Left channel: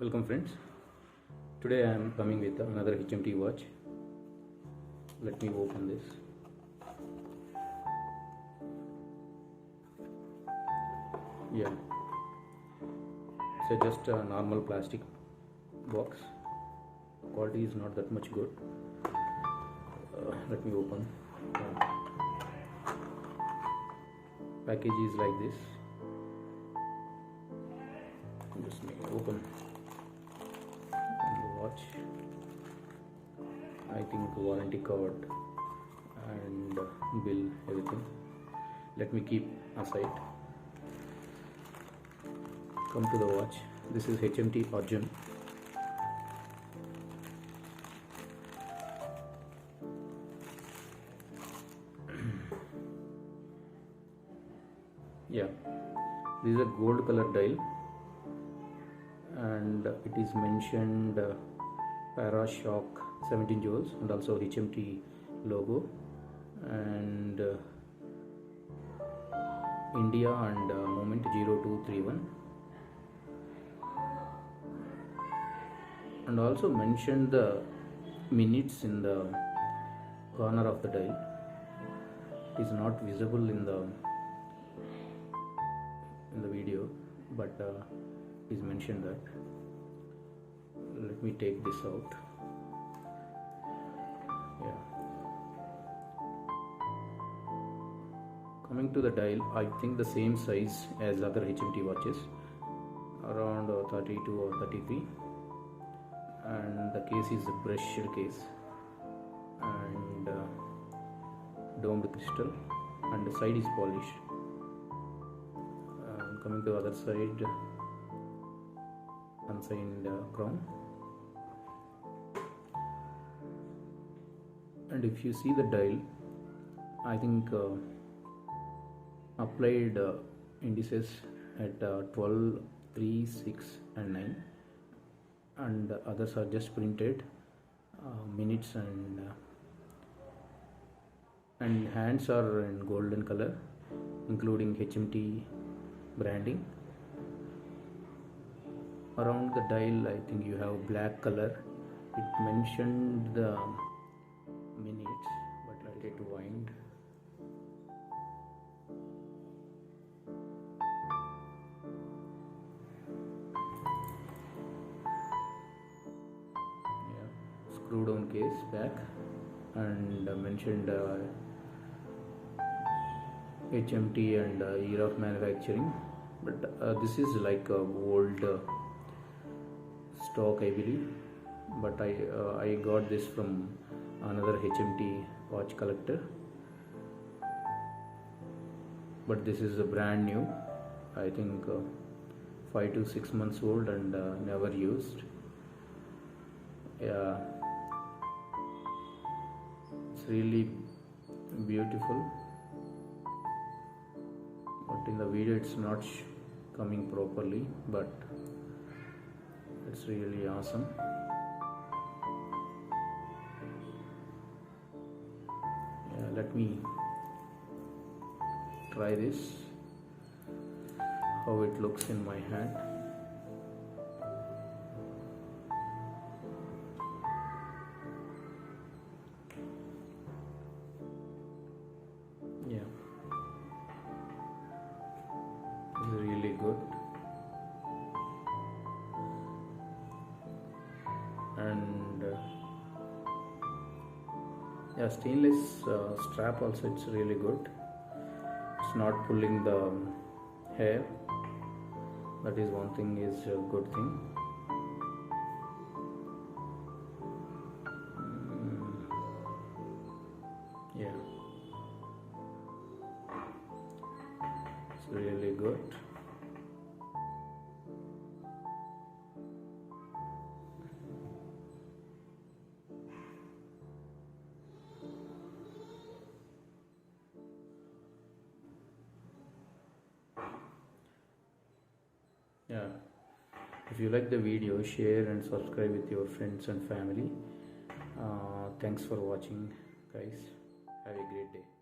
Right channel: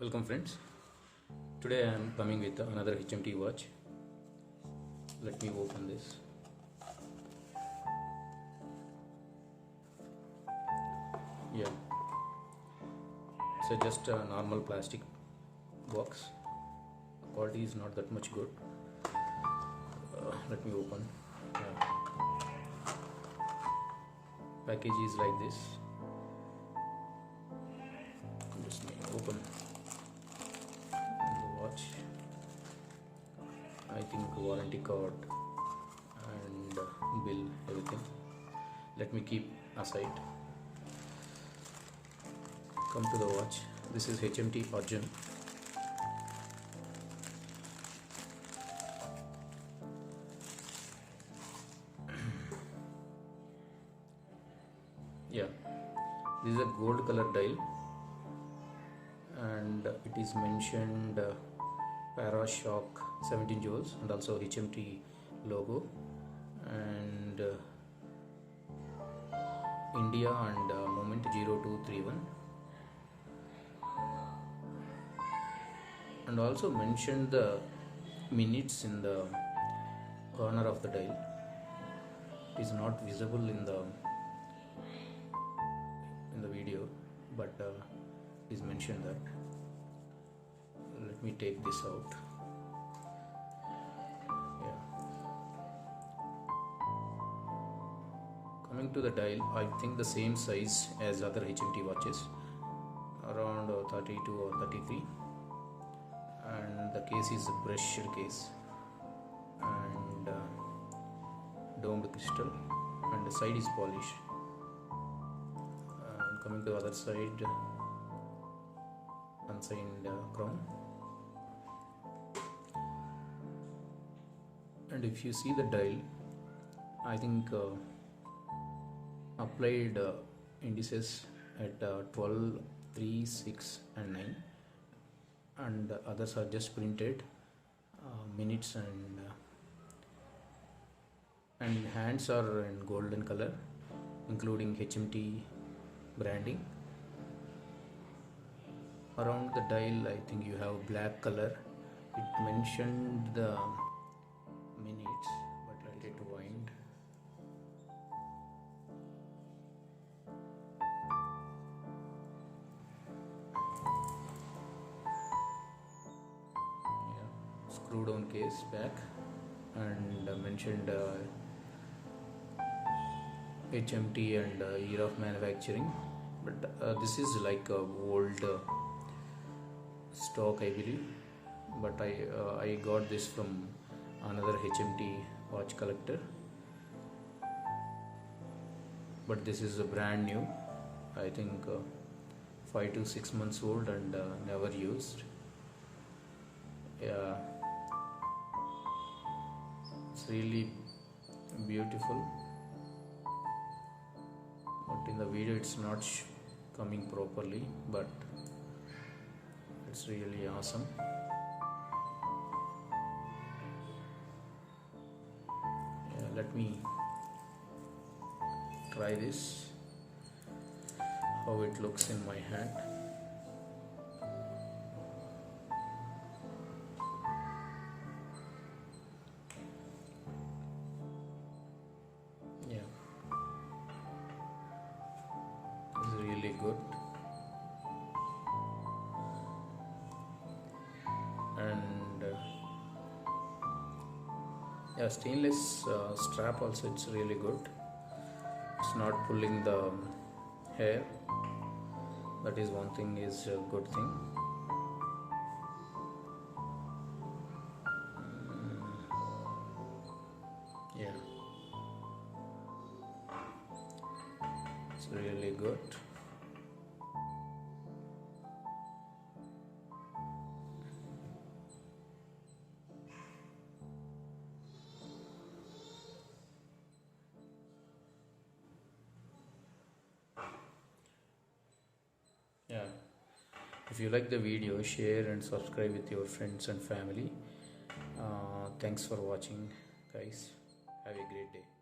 Welcome friends. Today I am coming with another HMT watch. Let me open this. Yeah, it's just a normal plastic box. Quality is not that much good. Let me open. Yeah. Package is like this. Just me open the watch. I think warranty card and bill, everything. Let me keep aside. Come to the watch. This is HMT Arjun. Yeah, this is a gold color dial, and it is mentioned Parashock 17 joules and also HMT logo, and India and moment 0231, and also mentioned the minutes in the corner of the dial. It is not visible in the video, but is mentioned that. Let me take this out. Yeah, coming to the dial, I think the same size as other HMT watches, around 32 or 33, and the case is a brushed case and domed crystal, and the side is polished. Coming to the other side, unsigned crown, and if you see the dial, I think applied indices at 12, 3, 6 and 9, and others are just printed minutes, and hands are in golden color including HMT branding. Around the dial, I think you have black color. It mentioned the minutes, but let it wind. Yeah, screw down case back, and mentioned HMT and year of manufacturing, but this is like a old stock, I believe, but I got this from another HMT watch collector, but this is a brand new, I think 5 to 6 months old and never used. Yeah, it's really beautiful, but in the video it's not coming properly, but it's really awesome. Yeah, let me try this, how it looks in my hand. Yeah, it's really good, and yeah, stainless strap also, it's really good. It's not pulling the hair. That is one thing, is a good thing. Yeah, it's really good. Yeah, if you like the video, share and subscribe with your friends and family. Thanks for watching, guys. Have a great day.